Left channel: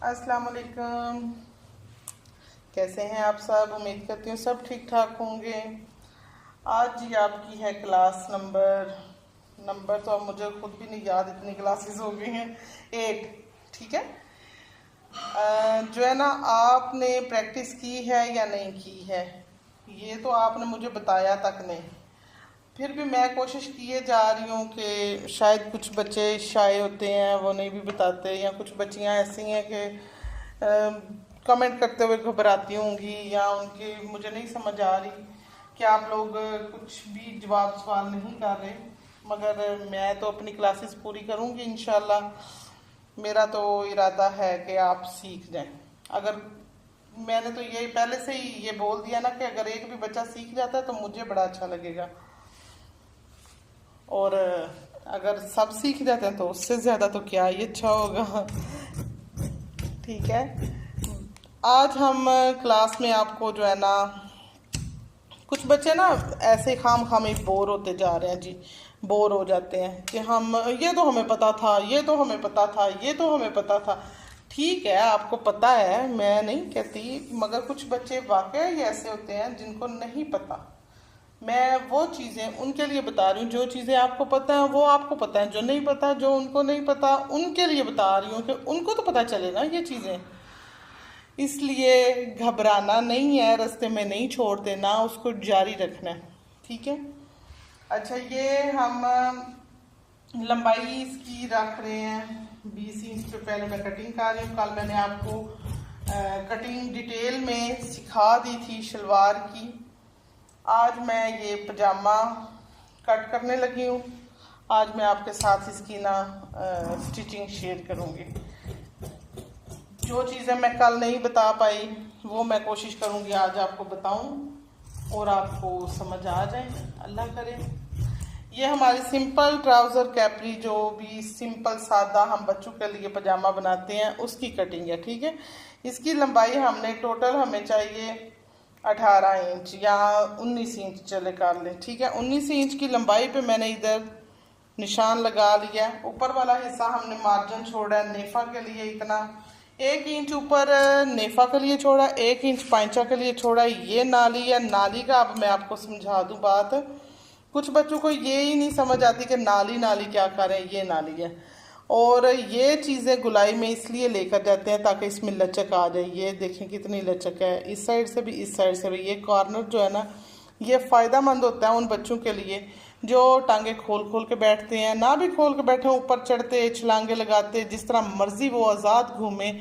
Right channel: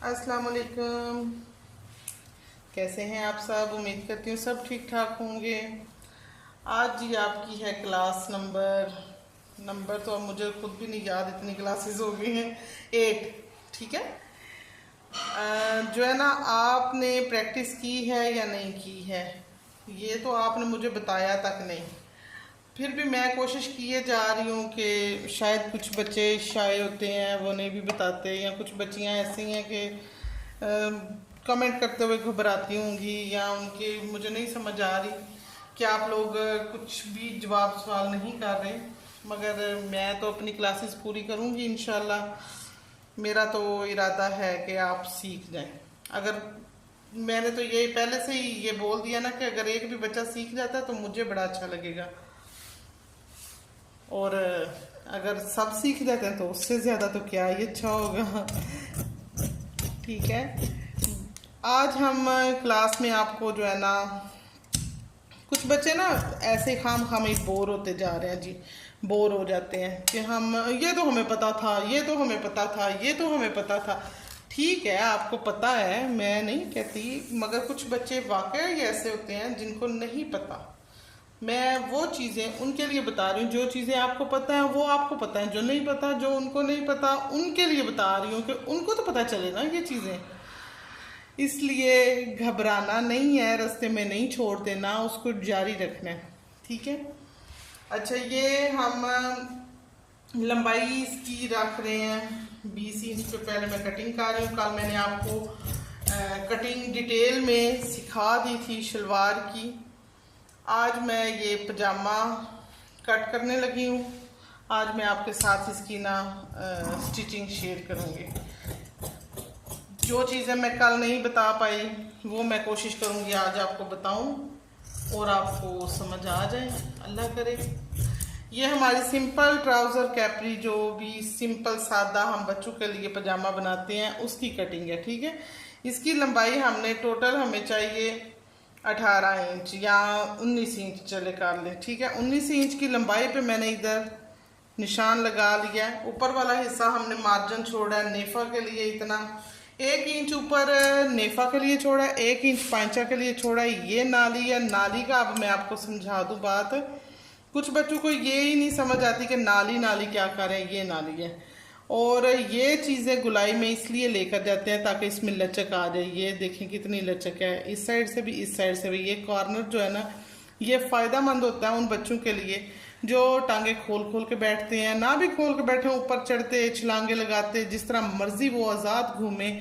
अस्सलाम वालेकुम। कैसे हैं आप सब? उम्मीद करती हूँ सब ठीक ठाक होंगे। आज जी आपकी है क्लास नंबर तो अब मुझे खुद भी नहीं याद, इतनी क्लासेस हो गई हैं। 8। ठीक है। जो है ना, आपने प्रैक्टिस की है या नहीं की है, ये तो आपने मुझे बताया तक नहीं। फिर भी मैं कोशिश किए जा रही हूँ कि शायद कुछ बच्चे शाये होते हैं, वो नहीं भी बताते, या कुछ बच्चियाँ ऐसी हैं कि कमेंट करते हुए घबराती होंगी, या उनके मुझे नहीं समझ आ रही कि आप लोग कुछ भी जवाब सवाल नहीं कर रहे। मगर मैं तो अपनी क्लासेस पूरी करूँगी इंशाल्लाह। मेरा तो इरादा है कि आप सीख जाएं। अगर मैंने तो ये पहले से ही ये बोल दिया ना कि अगर एक भी बच्चा सीख जाता है तो मुझे बड़ा अच्छा लगेगा, और अगर सब सीख जाते हैं तो उससे ज़्यादा तो क्या ही अच्छा होगा। ठीक है। आज हम क्लास में आपको जो है ना, कुछ बच्चे ना ऐसे खाम खाम ही बोर होते जा रहे हैं जी। बोर हो जाते हैं कि हम ये तो हमें पता था, ये तो हमें पता था, ये तो हमें पता था। ठीक है, आपको पता है, मैं नहीं कहती, मगर कुछ बच्चे वाकई ऐसे होते हैं जिनको नहीं पता। मैं वो चीज़ें उनके लिए बता रही हूँ, जो चीज़ें आपको पता है वो आपको पता है, जो नहीं पता, जो उनको नहीं पता, उनके लिए बता रही हूँ कि उनको तो पता चले ना ये चीज़ें। इसलिए घबराना नहीं है, रास्ते में नहीं छोड़ देना, उसको जारी रखना है। ठीक है। अच्छा, ये हम लंबाई इसकी रख रहे हैं 20 इंच पे। पहले मैं कटिंग कर रही हूँ। कल मैंने आपको कटिंग डिटेल में सिखा दी थी शलवार की। आज मैं ये पजामा कट करने लगी हूँ। आज मैं आपके साथ इसकी ना स्टिचिंग शेयर करूँगी। जो चीज़ें मैं कल नहीं बता पाई वो मैं कोशिश करूँगी आज आपको बताऊँ और आपको समझ आ जाए, अल्लाह करे। ये हमारी सिंपल ट्राउज़र कैपरी, जो भी सिंपल सादा हम बच्चों के लिए पजामा बनाते हैं, उसकी कटिंग है। ठीक है। इसकी लंबाई हमने टोटल हमें चाहिए 18 इंच या 19 इंच, चले कर लें। ठीक है। 19 इंच की लंबाई पे मैंने इधर निशान लगा लिया है। ऊपर वाला हिस्सा हमने मार्जिन छोड़ा है नेफा के लिए, इतना 1 इंच ऊपर नेफा के लिए छोड़ा, 1 इंच पांचा के लिए छोड़ा। ये नाली है। नाली का अब मैं आपको समझा दूं बात। कुछ बच्चों को ये ही नहीं समझ आती कि नाली नाली क्या करें। ये नाली है, और ये चीज़ें गुलाई में इसलिए लेकर जाते हैं ताकि इसमें लचक आ जाए। ये देखें कितनी लचक है, इस साइड से भी, इस साइड से भी। ये कॉर्नर जो है ना, ये फ़ायदा मंद होता है उन बच्चों के लिए जो टांगे खोल खोल के बैठते हैं, ना भी खोल के बैठे, ऊपर चढ़ते, छलांगे लगाते, जिस तरह मर्जी वो आज़ाद घूमे,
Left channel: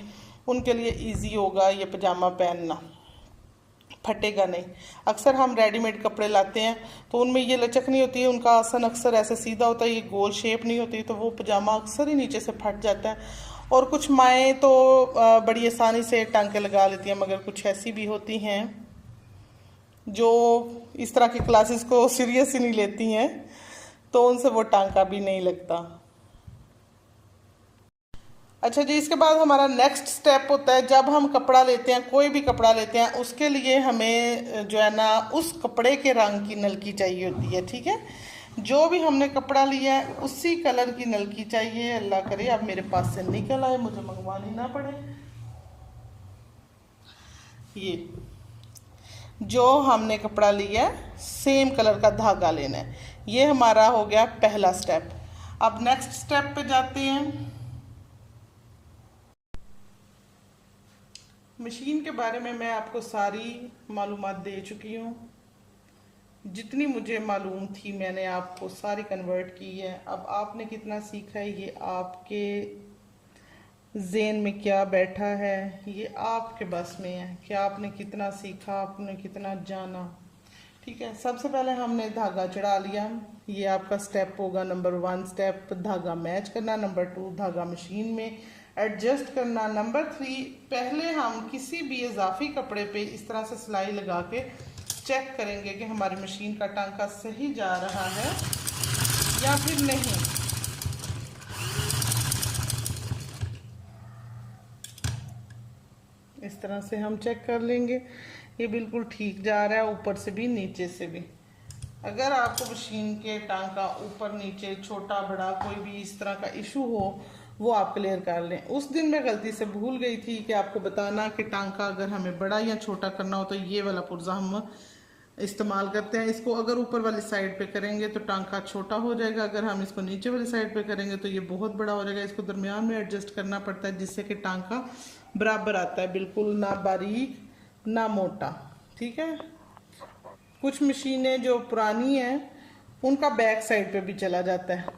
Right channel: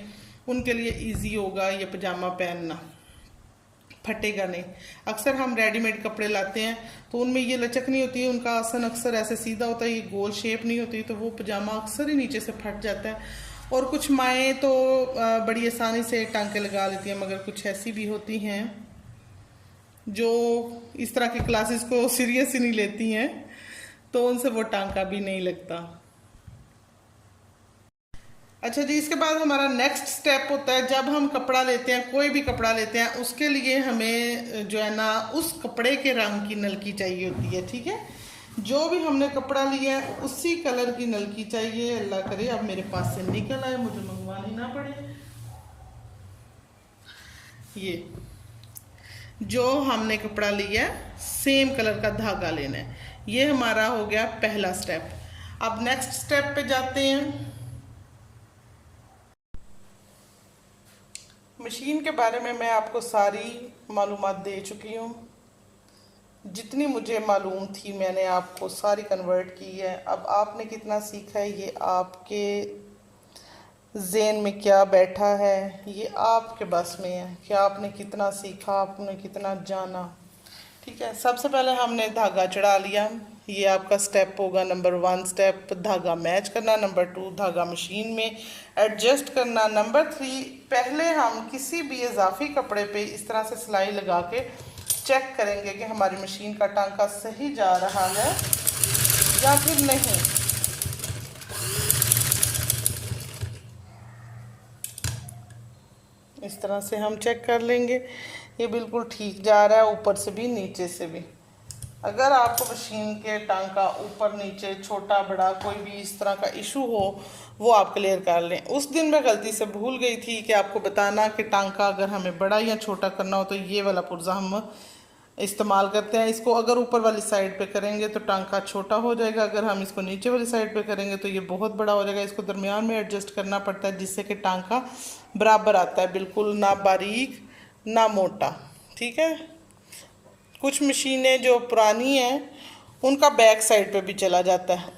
उनके लिए इजी होगा ये पजामा पहनना, फटेगा नहीं। अक्सर हम रेडीमेड कपड़े लाते हैं तो उनमें ये लचक नहीं होती है, उनका आसन अक्सर ऐसे सीधा होता है, ये गोल शेप नहीं होती, तो वो पजामा अक्सर ही नीचे से फट जाता है। और कुछ माएँ तो बड़ी आसानी से टांके लगा लेती हैं, मगर कुछ ऐसी भी होती हैं जो इस तरह की क्लासेस को सीरियस ही नहीं लेती हैं, तो उनसे वो टांका भी नहीं लगता। अच्छा जी, इसके बाद हमारा नेक्स्ट स्टेप होता है, जब हम कपड़ा लेते हैं, कोई भी कपड़ा लेते हैं, उसके लिए हमें जो है ना उस कपड़े के रंग की नलकी चाहिए होती है। ठीक है। जो भी हमने कपड़ा लिया है उसी कलर की नलकी चाहिए। अल्लाह करे अब मेरे पास से निकल आए, मुझे मंगवानी ना पड़े। ये जो हमने कपड़ा लिया है सेम कलर का धागा लेना है। ये हमारा हो गया पहला स्टेप। अब नेक्स्ट स्टेप पे जाते हैं। मशीन के बारे में मैं आपको सारी मालूमात दे चुकी हूँ। जितनी मुझे मालूम थी मैंने आपको सारी कन्वर्ट की है। अब आपने कितना सीखा है ये आपके ज़हन में क्या बैठा है, ये आपके बस में है कि आपने कितना सीखा, आपने कितना जाना। ठीक है। सबसे पहले हमने धागा चढ़ा लिया। ये आपका स्टेप होगा नंबर 1 स्टेप, धागा मैच करना। नंबर 2, धागा मशीन में एडजस्ट करना। नंबर 3, पहले हम किसी भी इजाफी कपड़े पे इस तरह से सिलाई लगा के चेक करेंगे कि हमारी मशीन का टांका सही जा रहा है या फिर नहीं। इस तरह से हम चेक कर लेंगे, ये बिल्कुल ठीक जा रहा है, ऊपर से भी नीचे से भी। अगर आपको मशीन के टांका ऊपर नीचे, छोटा बड़ा, कोई भी इस तरह का इशू हो वो आप क्लियर कर लें। उस दिन मैं गलती से भूल गई थी कि आपको बताना कि टांका अगर हमें बड़ा या छोटा करना हो तो ये वाला पुर्जा हम इस्तेमाल करते हैं। इसको अगर ऊपर वाली साइड पे करेंगे तो टांका छोटा हो जाएगा, अगर हम इसको नीचे वाली साइड पे करेंगे तो ये बहुत बड़ा हो जाएगा। इसको दरमियान में एडजस्ट करना पड़ता है जिससे कि टांका बराबर आता है, बिल्कुल ना बारीक ना मोटा। ठीक है, कुछ मशीनें जो पुरानी हैं उनका बैक साइड पे भी चला जाता है।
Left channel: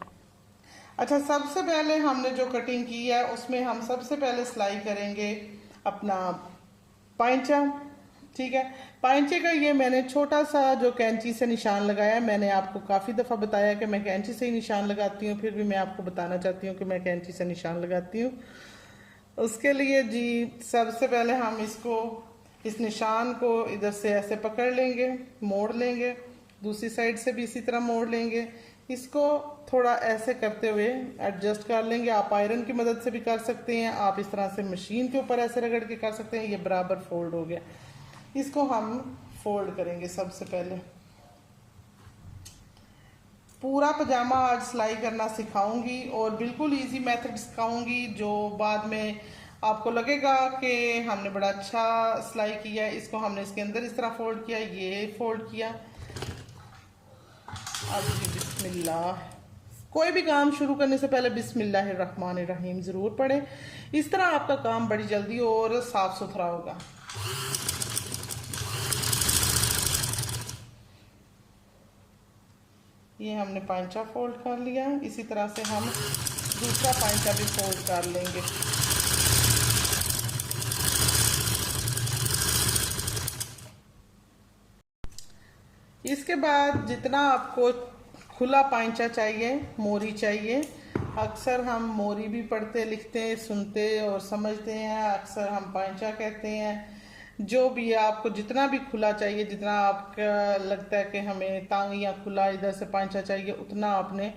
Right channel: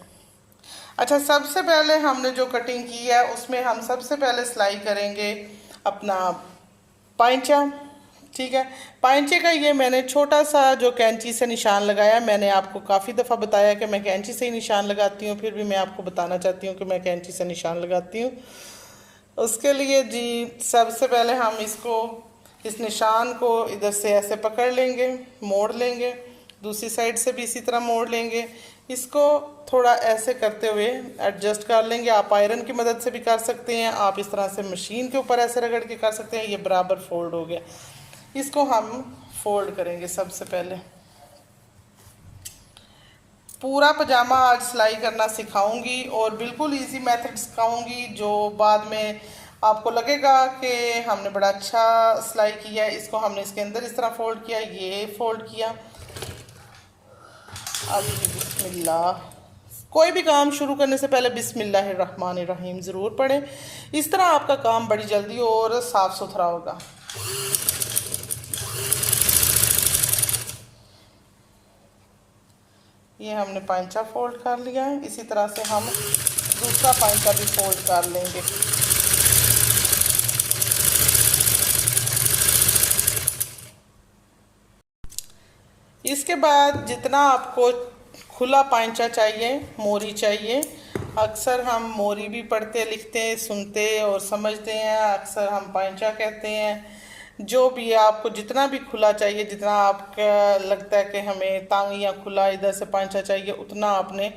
अच्छा, सबसे पहले हमने जो कटिंग की है उसमें हम सबसे पहले सिलाई करेंगे अपना पाइंचा। ठीक है, पाइंचे का ये मैंने छोटा सा जो कैंची से निशान लगाया। मैंने आपको काफ़ी दफ़ा बताया कि मैं कैंची से ही निशान लगाती हूँ, फिर भी मैं आपको बताना चाहती हूँ कि मैं कैंची से निशान लगाती हूँ। उसके लिए जी सबसे पहले हम इस निशान को इधर से ऐसे पकड़ लेंगे, मोड़ लेंगे, दूसरी साइड से भी इसी तरह मोड़ लेंगे। इसको थोड़ा ऐसे करते हुए एडजस्ट कर लेंगे। आप आयरन की मदद से भी कर सकते हैं, आप इस तरह से मशीन के ऊपर ऐसे रगड़ के कर सकते हैं। ये बराबर फोल्ड हो गया, इसको हम फोल्ड करेंगे। सबसे पहले पूरा पजामा आज सिलाई करना सिखाऊंगी और बिल्कुल इजी मेथड सिखाऊंगी जो बाद में आपको लगेगा कि हमने बड़ा अच्छा सिलाई किया है। इसको हमने इसके अंदर इस तरह फोल्ड किया, ये फोल्ड किया। अब बिस्मिल्लाह, कोई भी काम शुरू करने से पहले बिस्मिल्लाहिर्रहमानिर्रहीम ज़रूर पढ़ें। इस तरह आपका काम बड़ी जल्दी और साफ़ सुथरा होगा। ये हमने पाइंचा फोल्ड कर लिया है, इसी तरह से हम दूसरा पाइंचा भी फोल्ड कर लेंगे। इसके बाद जितना आपको खुला पाइंचा चाहिए, मोरी चाहिए, अक्सर हम मोरी भी पढ़ते लिखते सुनते और समझते हैं, अक्सर हम पाइंचा कहते हैं। जो भी आपको जितना भी खुला चाहिए, जितना आपका लगता है कि हमें तांग या खुला इधर से पाइंचा चाहिए, उतना आपने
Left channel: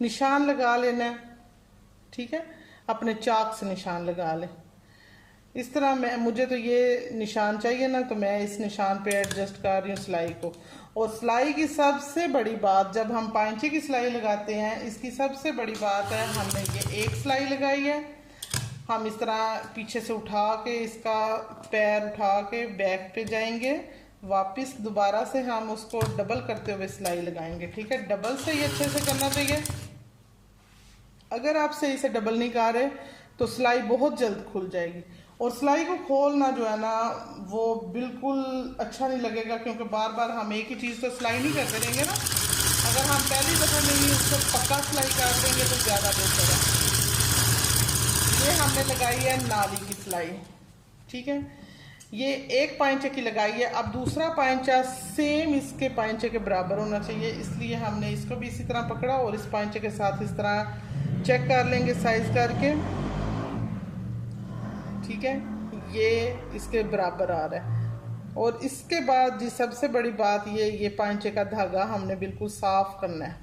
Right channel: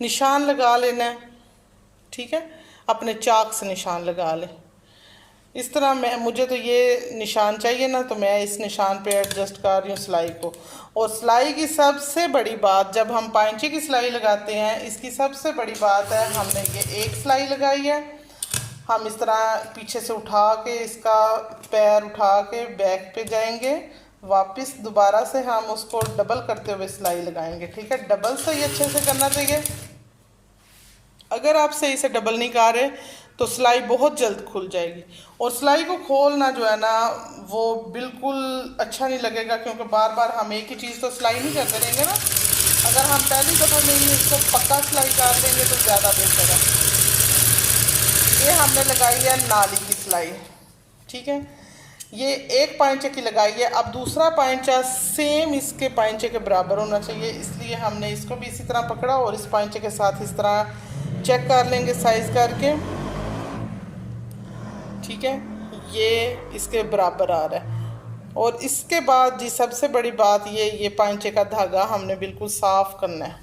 निशान लगा लेना है। ठीक है, अपने चाक से निशान लगा लें। इस तरह मुझे तो ये निशान चाहिए ना, तो मैं इस निशान पे एडजस्ट कर रही हूँ सिलाई को। और सिलाई की सबसे बड़ी बात, जब हम पाइंचे की सिलाई लगाते हैं, इसकी सबसे बड़ी बात है, हमने ये एक सिलाई लगाई है, हम इस तरह पीछे से उठा के इसका पैर उठा के बैक पे जाएंगे, वापस दोबारा से हम उसको डबल करते हुए सिलाई लगाएंगे। ठीक है, डबल सही अच्छे से करना चाहिए। अगर आप सही से डबल नहीं कर रहे तो सिलाई बहुत जल्द खुल जाएगी। और सिलाई को खोलना जो है ना वो बिल्कुल अच्छा नहीं लगेगा, क्योंकि बार बार हम एक ही चीज़ तो सिलाई नहीं करते रहेंगे ना। अगर हम पहली दफ़ा में ही उसको पक्का सिलाई कर देंगे तो ज़्यादा बेहतर है। ये हमने लगाई है नाली की सिलाई। ठीक है, ये एक पाइंचे की लगाई है। अब दूसरा पाइंचा सेम इसके पाइंचे के बराबर होना चाहिए, इसलिए हमने इसको भी इसी तरह पकड़ा और इस पाइंचे के साथ इस तरह चेक कर लेंगे साइज करके। ठीक है, ये इसके बराबर आ रहा है। और इसके बाद जी सबसे बड़ी बात ये पाइंचे का धागा हमने बिल्कुल साफ़ करना है,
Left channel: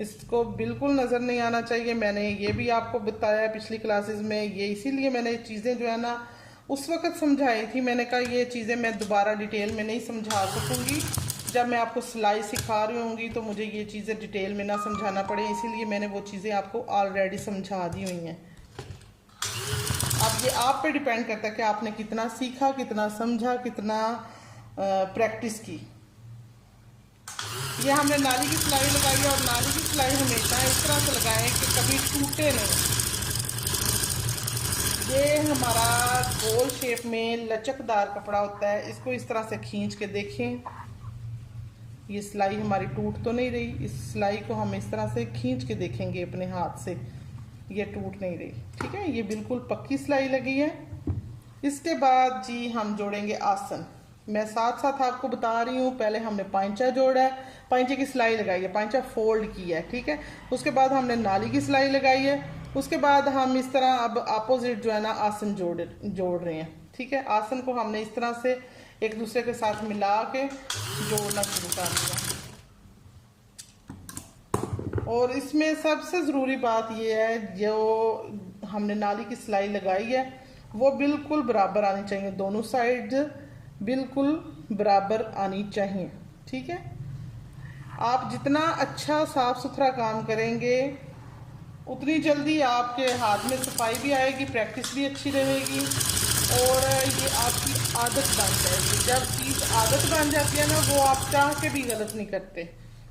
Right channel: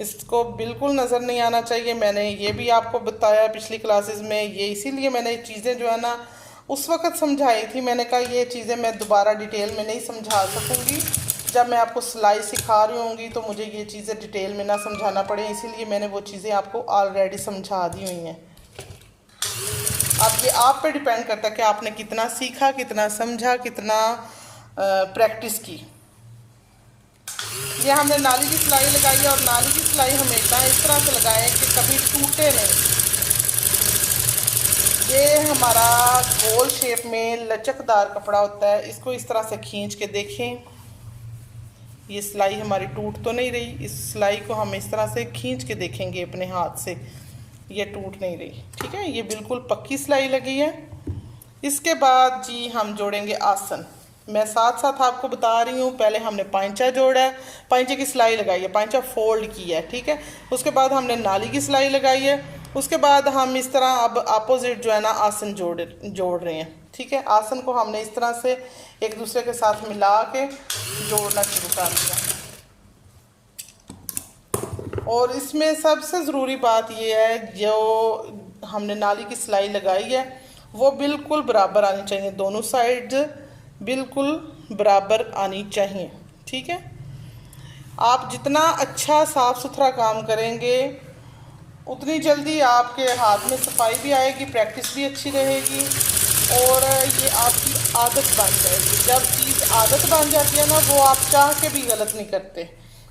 इसको बिल्कुल नज़र नहीं आना चाहिए। मैंने ये भी आपको बताया पिछली क्लासेस में, ये इसीलिए मैंने चीज़ें जो है ना उस वक़्त समझाई थी। मैंने कहा ये चीज़ें मैं दोबारा डिटेल में नहीं समझा सकूँगी, जब मैं आपको सिलाई सिखा रही होंगी तो मुझे ये चीज़ें डिटेल में ना समझाना पड़े, इसीलिए मैंने वो चीज़ें आपको ऑलरेडी समझा दी हुई हैं। अब ये आप पे डिपेंड करता है कि आपने कितना सीखा, कितना समझा, कितना प्रैक्टिस की। ये हमने नाली की सिलाई लगाई है और नाली की सिलाई हमेशा इस तरह से लगाएं कि कभी टूटे नहीं। ये हमारा गोल शेप में लचकदार कपड़ा होता है, इसको इस तरह से खींच के देखें। ये सिलाई हमारी टूट तो नहीं रही, इस सिलाई को हम इस तरह से खींच के देखेंगे अपने हाथ से, ये टूट नहीं रही। ठीक है, ये बिल्कुल पक्की सिलाई लगी है। इसके बाद जी हम जोड़ेंगे आसन। मैं साथ साथ आपको बता रही हूँ, पहले हमने पाइंचा जोड़ा है, पाइंचे की सिलाई लगाई है, पाइंचा फोल्ड किया है। ठीक है, उसके बाद हमने नाली की सिलाई लगाई है, उसके बाद हम इस तरह अब अपोजिट जो है ना आसन जोड़ रहे हैं। ठीक है, आसन को हमने इस तरह से एक दूसरे के साथ मिला के जोड़ना शुरू कर दिया। और इसमें सबसे ज़रूरी बात यह है, जो हमने नाली की सिलाई लगाई है वो बिल्कुल बराबर आनी चाहिए, दोनों साइड बिल्कुल बराबर आनी चाहिए। ठीक है, आप जितना अच्छा साफ़ सुथरा काम करेंगे उतनी जल्दी आपके हाथ में सफाई भी आएगी, प्रैक्टिस भी अच्छी रहेगी और ये आपकी आदत बन जाएगी। जब चीज़ आदत बन जाती है ना, वो आप चाह के भी गलत नहीं करते।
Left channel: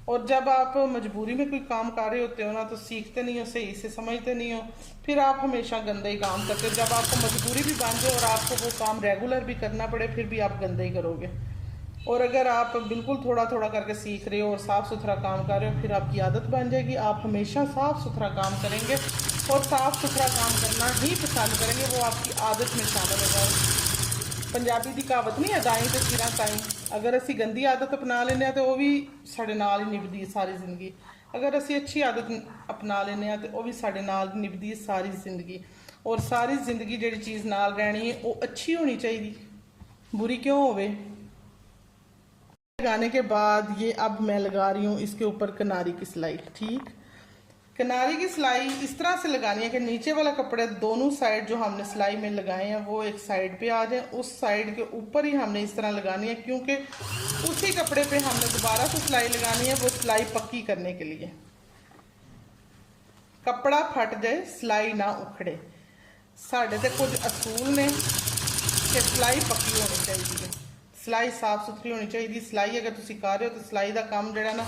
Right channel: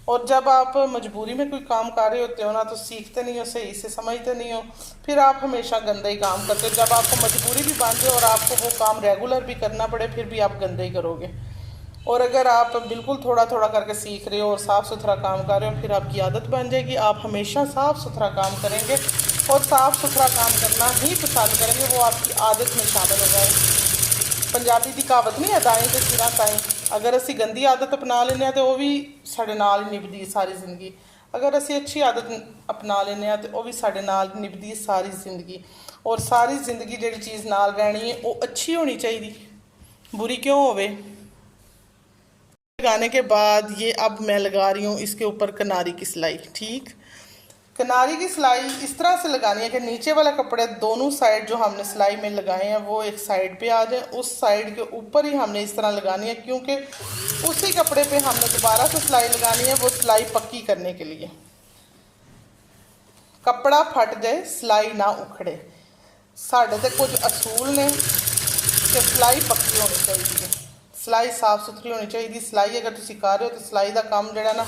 और जब आप मजबूरी में कोई काम कर रहे होते हो ना, तो सीखते नहीं हो, सही से समझते नहीं हो, फिर आप हमेशा गंदे ही काम करते हो। जब आपको मजबूरी भी बन जाए और आपको वो काम रेगुलर भी करना पड़े, फिर भी आप गंदे ही करोगे। और अगर आप बिल्कुल थोड़ा थोड़ा करके सीख रहे हो और साफ़ सुथरा काम कर रहे हो, फिर आपकी आदत बन जाएगी। आप हमेशा साफ़ सुथरा काम करेंगे और साफ़ सुथरा काम करना ही पसंद करेंगे, वो आपकी आदत में शामिल हो जाएगी। पंजाबी की कहावत नहीं है, दाएं तो सिरा ताएं। अगर असी गंदी आदत अपना लें तो वह भी साढ़े नाल ही निभदी सारी जिंदगी। अगर असी अच्छी आदत अपना लें तो वह भी साढ़े नाल निभदी सारी जिंदगी। और सारी जिंदगी जी चीज़ नाल रहनी है वो अच्छी होनी चाहिए, बुरी क्यों होवे। लगाने के बाद ये अब मैं लगा रही हूँ इसके ऊपर किनारी की सिलाई। ठीक, किनारी की सिलाई इस तरह से लगानी है कि नीचे वाला कपड़े दोनों साइड जो हमने सिलाई में लगाए हैं वो एक साइड पे आ जाए। उस साइड के ऊपर ही हमने इस तरह लगानी है, क्योंकि उसी कपड़े पे हमने दोबारा से सिलाई लगानी है, वो सिलाई पक्की करने के लिए। कपड़ा फट जाए, सिलाई ना उखड़े। साढ़े ते कुछ असूल ने कि सिलाई पक्की होनी चाहिए, सिलाई साफ सुथरी होनी चाहिए। सिलाई अगर तुम कर रहे हो तो सिलाई का काम जो ना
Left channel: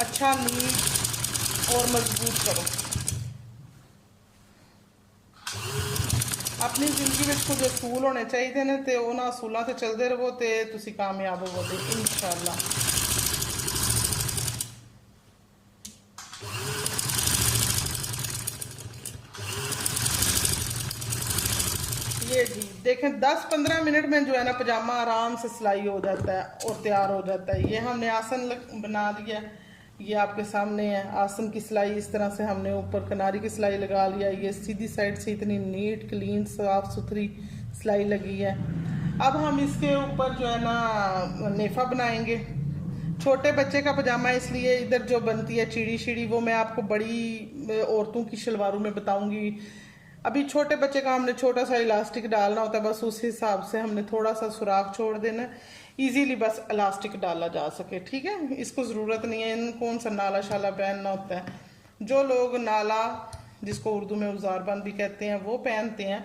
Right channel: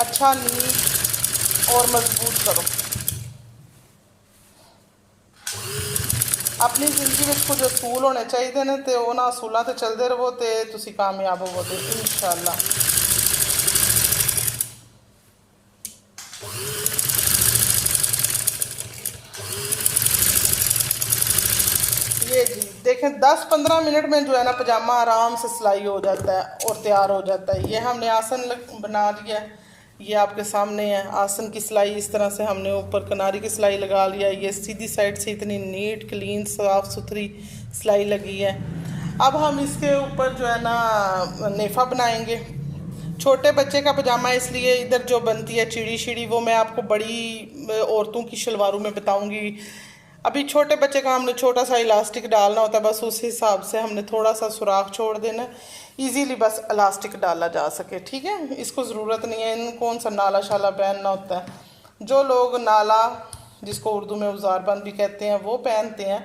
अच्छा नीट और मजबूत करो। अपनी जिंदगी में कुछ असूल होने चाहिए ने, तो उन्होंने असूलों से चलते रहो तो तुम कामयाब होवोगे इंशाअल्लाह। ये जी देखें 10-15 मिनट में जो है ना पजामा आराम से सिलाई हो जाता है और तैयार हो जाता है। ये हमने आसन बना लिया है, ये आपके सामने है। आसन की सिलाई इस तरह से हमने ऊपर किनारी की सिलाई लगा लिया। ये सीधी साइड से इतनी नीट क्लीन साफ सुथरी सिलाई लगी है। अब हम इसके ऊपर जो है ना नेफा बनाएंगे। छोटे बच्चे का पजामा इसलिए इधर जो बनती है चिड़ी शिड़ी, वो मैं आपको बड़ी औरतों की शलवारों में बताऊंगी। अभी छोटे बच्चे का हमने छोटा सा इलास्टिक डालना होता है, बस उस हिसाब से हमने थोड़ा सा सुराख छोड़ देना, इजीली बस इलास्टिक डाला जा सके। ठीक है, इसको ज़रूरत नहीं है इन कौन सा नाला शाला पहनना होता है। जो लोग नाला, जिसको उर्दू में उजारबंद भी कहते हैं, वो पहनते हैं,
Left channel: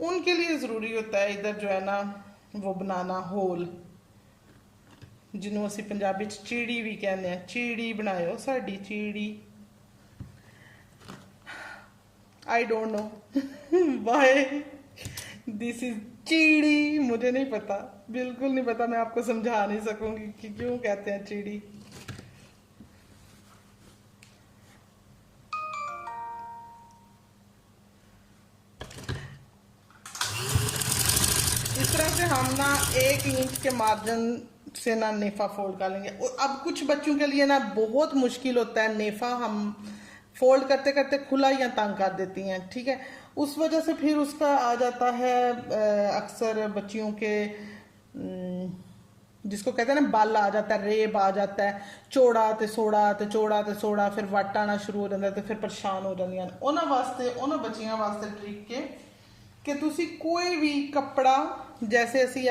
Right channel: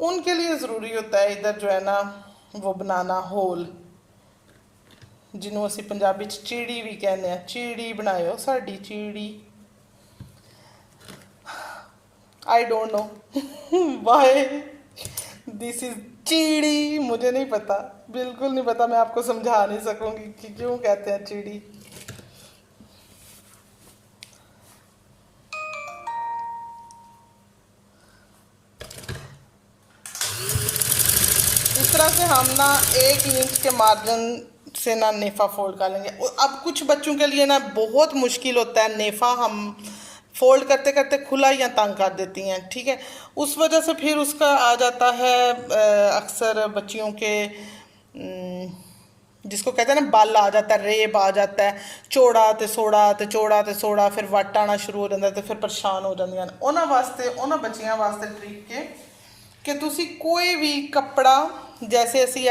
उनके लिए ज़रूरी होता है इधर जो है ना वो बनाना होल, जिन्हों असी पंजाबी चीड़ी भी कहने हैं। चीड़ी बनायो साड़ी चीड़ी। I don't know why this is चीड़ी, मुझे नहीं पता, बिल्कुल नहीं पता। मैं आपको समझा नहीं सकूंगी कि क्यों कहते हैं चीड़ी। इस तरह से हम ना 1 इंच के मार्जिन से ना नेफा फोल्ड कर लेंगे। अब कुछ बच्चों के लिए ना बहुत मुश्किल होता है, नेफा हम फोल्ड करते करते खुला या तंग कर देती हैं। ठीक है, उस वजह से फिर उसका आ जाता है अक्सर बच्चियों के जिसको कहते हैं ना बल आ जाता है, रेब आ जाता है, चौड़ा ते सोड़ा ते चौड़ा ते सोड़ा, फिर वट आना शुरू हो जाता है, तो फिर परेशान हो जाती हैं। उन्होंने वास्ते उन्होंने बच्चियों वास्ते ट्रिक के कि तुसी कोई भी कपड़ा, जैसे असी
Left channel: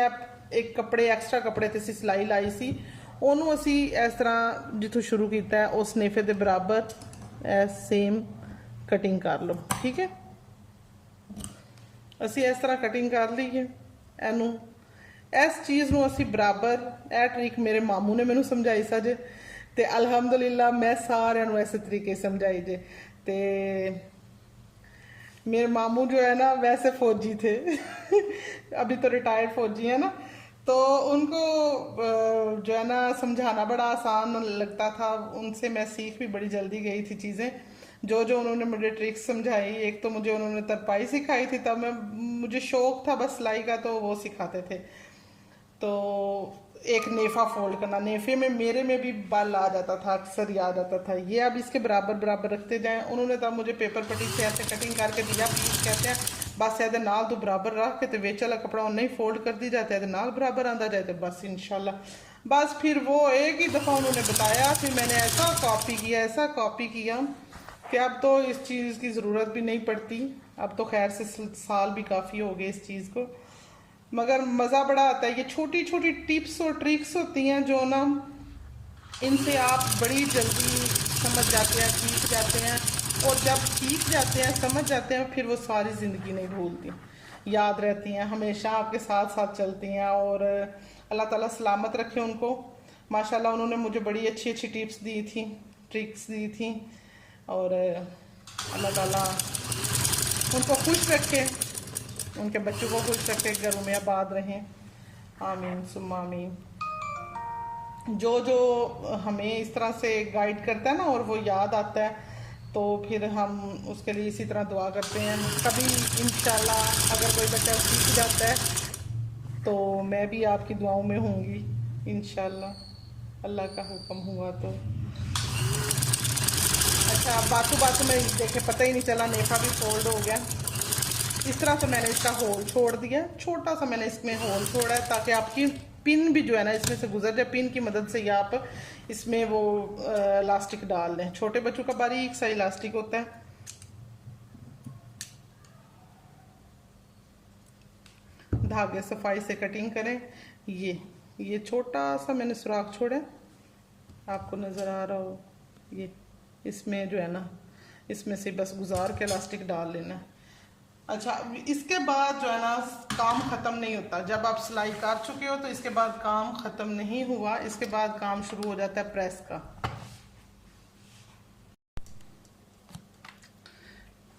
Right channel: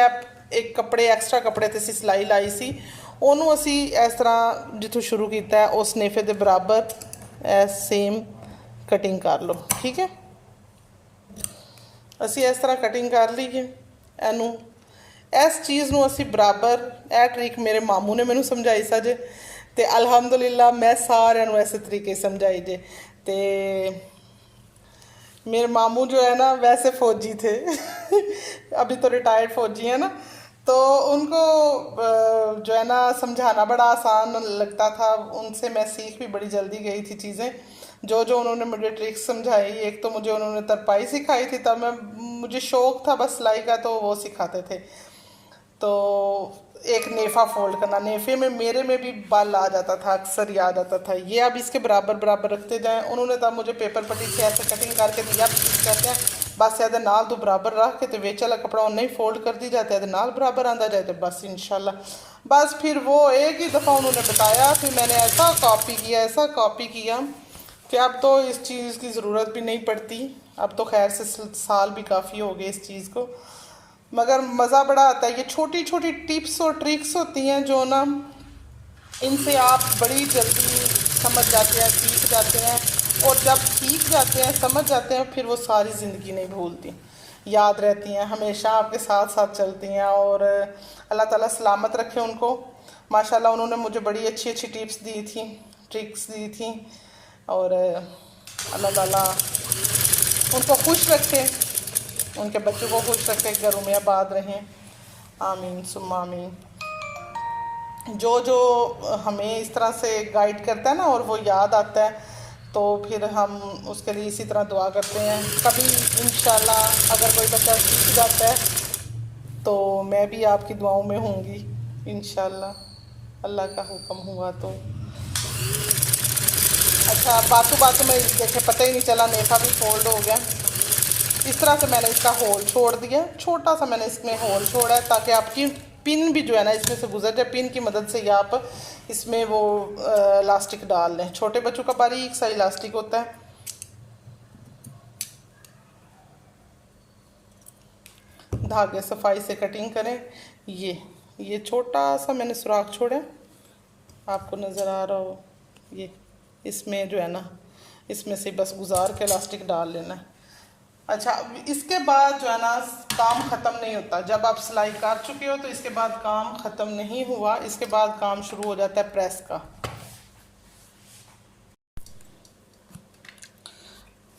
एक कपड़े एक्स्ट्रा कपड़े ते असी सिलाई लाई सी, उन्होंने असी इस तरह जितों शुरू किया है उस नेफे के बराबर सेम कटिंग कर लो। ठीक है, असी इस तरह कटिंग कर लीए एनू। इस चीज़ नूं असी बराबर, यह ट्रिक मेरे मामू ने मैनू समझाई सा जे, ते अल्हम्दुलिल्लाह मैं सारे इस तरीके समझाई जे। ते मेरे मामू जो है ना वैसे फ़ौजी थे अभी तो रिटायर्ड फ़ौजी हैं ना, तो उनको जो है ना समझाना बड़ा आसान लगता था। उनसे मैं सीख भी बड़ी जल्दी गई थी चीज़ें, जो जो उन्होंने मुझे ट्रिक्स समझाई। एक तो मुझे उन्होंने तरपाई सिखाई थी, तब मुझे शौक़ था बस सिलाई का, तो वो सिखाते थे। तो एक नेफा फोल्ड करना, नेफे में मेरे में भी बल आ जाता था, अक्सर याद आता था। ये अब इसके बराबर बराबर रखते जाएं। उन्होंने तब मुझे पेपर पट्टी से ऐसे कटिंग करके दिया, प्लीज कहते हैं बस ये नाल तो बराबर रख के तो वेच वाला कपड़ा नहीं फोल्ड कर दी जाता है, नाल बराबर आंदा जाए तो बस इंशाल्लाह। बस फिर वो एक ही दफ़ा उन्होंने बताया, फिर मैंने ऐसा कॉपी किया कि अब तो इस चीज़ की ज़रूरत भी नहीं पड़ती। अब तो खैर से साल भी काफ़ी हो गए इस चीज़ को, मगर मज़ा बड़ा आता है। ये छोटी छोटी टिप्स और ट्रिक्स होती हैं जो ना इनसे आप बड़ी जल्दी समझ जाते हैं, सीख जाते हैं और जब सीख जाते हैं, समझ जाते हैं, फिर वो सारी ज़िंदगी नहीं भूलती, याद रहती हैं, हमेशा आपके साथ साथ चलती हैं। और अल्लाह ताला सलामत रखे उनको। माशाल्लाह उन्होंने मुझे बड़ी अच्छी अच्छी टिप्स दी थी, ट्रिक्स दी थी। और अल्लाह ताला उनको खुश रखे, उनके बच्चों को खुश रखे, घरों में आबाद रहें। आमीन सुम्मा आमीन। जो जो हमें इस तरह से गाइड करता है ना और वो याद आता है, तो फिर हम उसके लिए इसी तरह दुआ करते हैं। कभी इंशाल्लाह अगर कोई बच्चा सीख जाता है तो मैं भी आपकी दुआओं में होंगी इंशाल्लाह, अल्लाह का हुक्म हुआ तो। अच्छा, बातों बातों में देखे पता ही नहीं चला, नेफा भी फोल्ड हो गया। इस तरह से मैंने इसका होल छोड़ दिया, छोटा सा मैंने इसमें होल छोड़ा है ताकि आपकी पिन भी जो है ना इसमें से गुजर जाए। पिन की मदद से या आप इसमें वो इलास्टिक डाल लें। छोटे बच्चों का बारीक सा इलास्टिक होता है। धागे सफाई से कटिंग करें। ये छोटा सा मैंने सुराख छोड़ा, आपको नज़र आ रहा हो, ये इसमें जो है ना इसमें से बस गुजार के इलास्टिक डाल लेना है। अच्छा, इसके बाद जो है ना काम ख़त्म नहीं होता। जब आप सिलाई कर चुके हो तो इसके बाद काम ख़त्म नहीं हुआ, इसके बाद काम शुरू हो जाता है प्रेस का।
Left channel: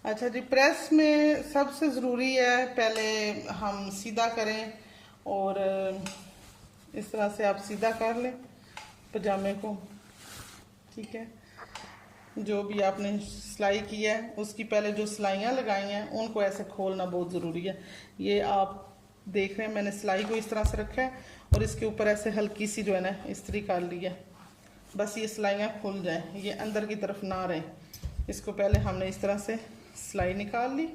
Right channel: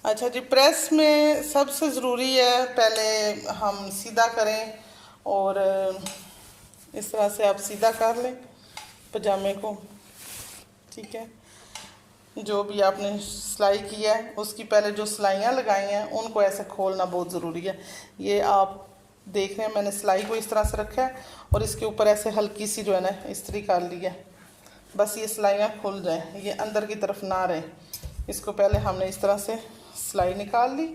अच्छा जी, प्रेस में सबसे ज़रूरी है पहले हम सीधा करें, और इस तरह से आप सीधा कर लें पजामे को, ठीक है। जो भी आपने सिलाई किया है उसकी पहले जो सिलाइयाँ लगाई हैं उनको ऐसे खोलना बहुत ज़रूरी है। ये आप देख रहे हैं मैंने सिलाई को इस तरह से रखा है और इसके ऊपर ऐसे हल्की सी जो है ना इस्त्री कर ली है, बस ये सिलाइयाँ खुल जाएं, ये अंदर की तरफ ना रहे। इसको पहले हमने इस तरह से सिलाई निकाल ली,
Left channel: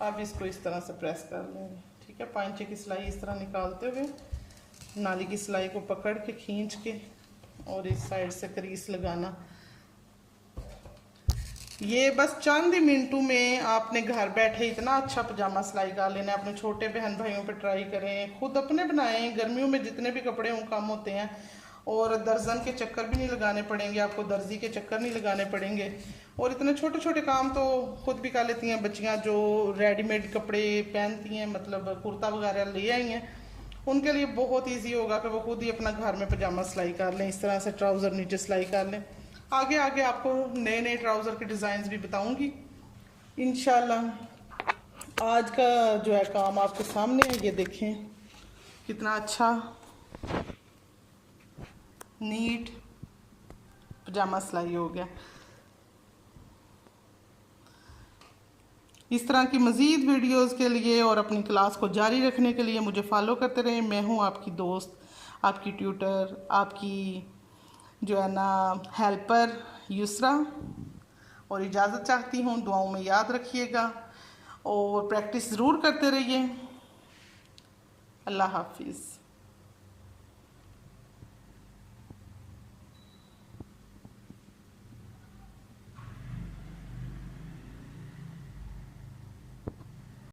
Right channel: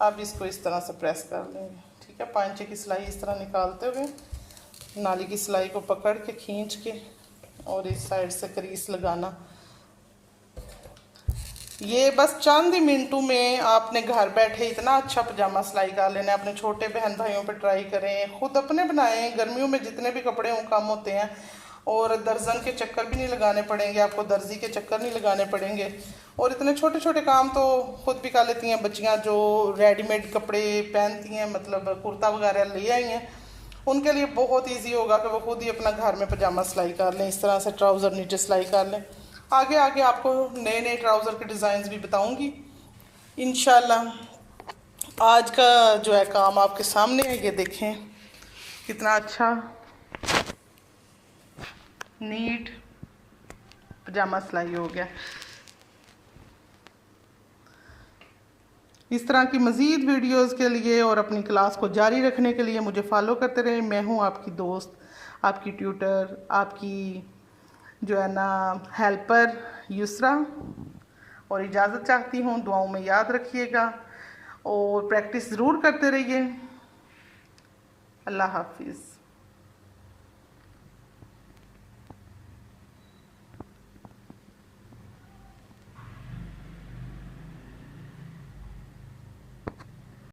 अब इसको इस तरह से प्रेस कर लेंगे, ठीक है। पांचे की सिलाई इस तरह निकालते हुए नाली की सिलाई को पकड़ के खींच के और इस साइड से क्रीज लगाना। ये बस चंद ही मिनटों में आपने घर बैठे इतना अच्छा पजामा सिलाई कर लेना है। अपने छोटे बहन भाइयों पे ट्राई करें, खुद अपने बनाएं। गर्मियों में जितने भी कपड़े हों कम होते हैं और दर्जन के चक्कर भी नहीं लगाने पड़ेंगे आपको, दर्जी के चक्कर नहीं लगाने पड़ेंगे। और इतने छोटे छोटे काम तो खुद भी कर लेती हैं बच्चियाँ जो रेडीमेड कपड़े पहनती हैं, मतलब कुर्ता वगैरह ले आई हैं, उनके लिए बहुत इजी होगा कि वो खुद ही अपना घर में पजामा सिलाई कर लें। इस तरह से ट्राउज़र नीचे सिलाई कर लें। आगे आगे आपको नए नए ट्राउज़र के डिज़ाइंस भी बताऊंगी इंशाल्लाह। आज का जो है काम आपके सामने है, ये देखें कितना अच्छा नीट पजामा सिलाई हो गया। इस तरह की मज़ीद वीडियोस के लिए और अपनी क्लास को जारी रखने के लिए मुझे फॉलो करते रहें। मैं हूँ आपकी दोस्त, आपकी ट्यूटर, आपकी जो है ना हेल्पर युसरा, और इजाज़त चाहती हूँ। दुआओं में याद रखिएगा और प्रैक्टिस ज़रूर करते रहिए। अल्लाह हाफिज़।